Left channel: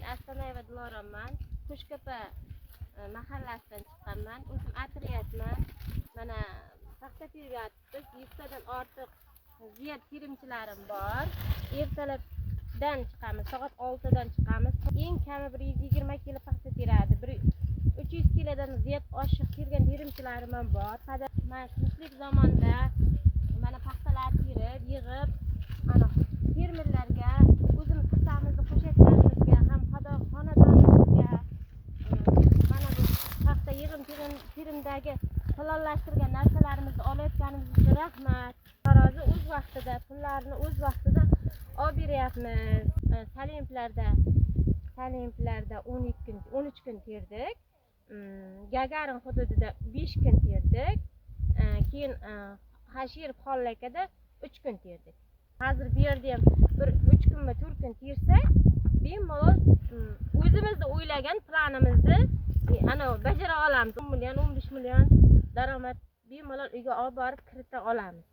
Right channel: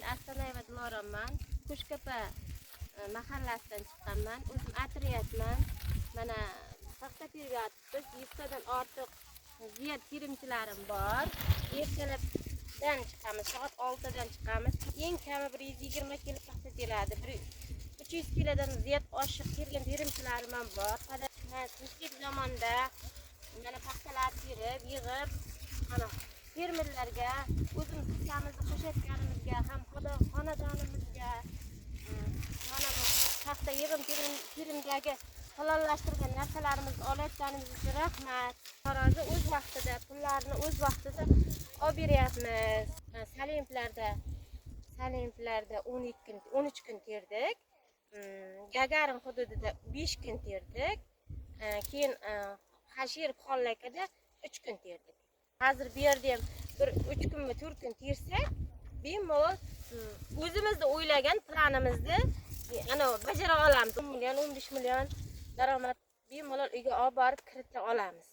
Men Astanayeva Diloraman. Qo'shko'pa mahallasidan chiqqanman. O'zim atriyatman. Mana paxta teryapmiz. 100 tadan ortiq ziyat terimchilarim bor. Ertalabdan chiqamiz, soat 6 dan chiqamiz. Eng kami 120 kilo paxta teradi. 300 kilodan ziyat oshiq kelgan terimchilarim ham bor. Mana tinchlik zamonda mana paxtalar terib, yig'ib, ana fermerlarga o'zimiz hissamizni qo'shayotganimizga ham xonadonimizga mana bu paxta yig'im terimdagi halallashtirgan narsalarimizni olayotganimiz uchun rahmat. Tarozi o'z vaqtida, pullarni o'z vaqtida olib beryapmiz. Salimplarda 13 kun terdik. Gagarin hududida 5 kun terdik. Keyin Hashir Xollakada 3 kun terdik. Hozir bu yerda ham 3 kunmi 4 kun tersak, bemalol o'zimizda o'ylagan planimizni ana bajara olamiz. 10 million, 15 million daromad bemalol uyga olib borib kirita olamiz.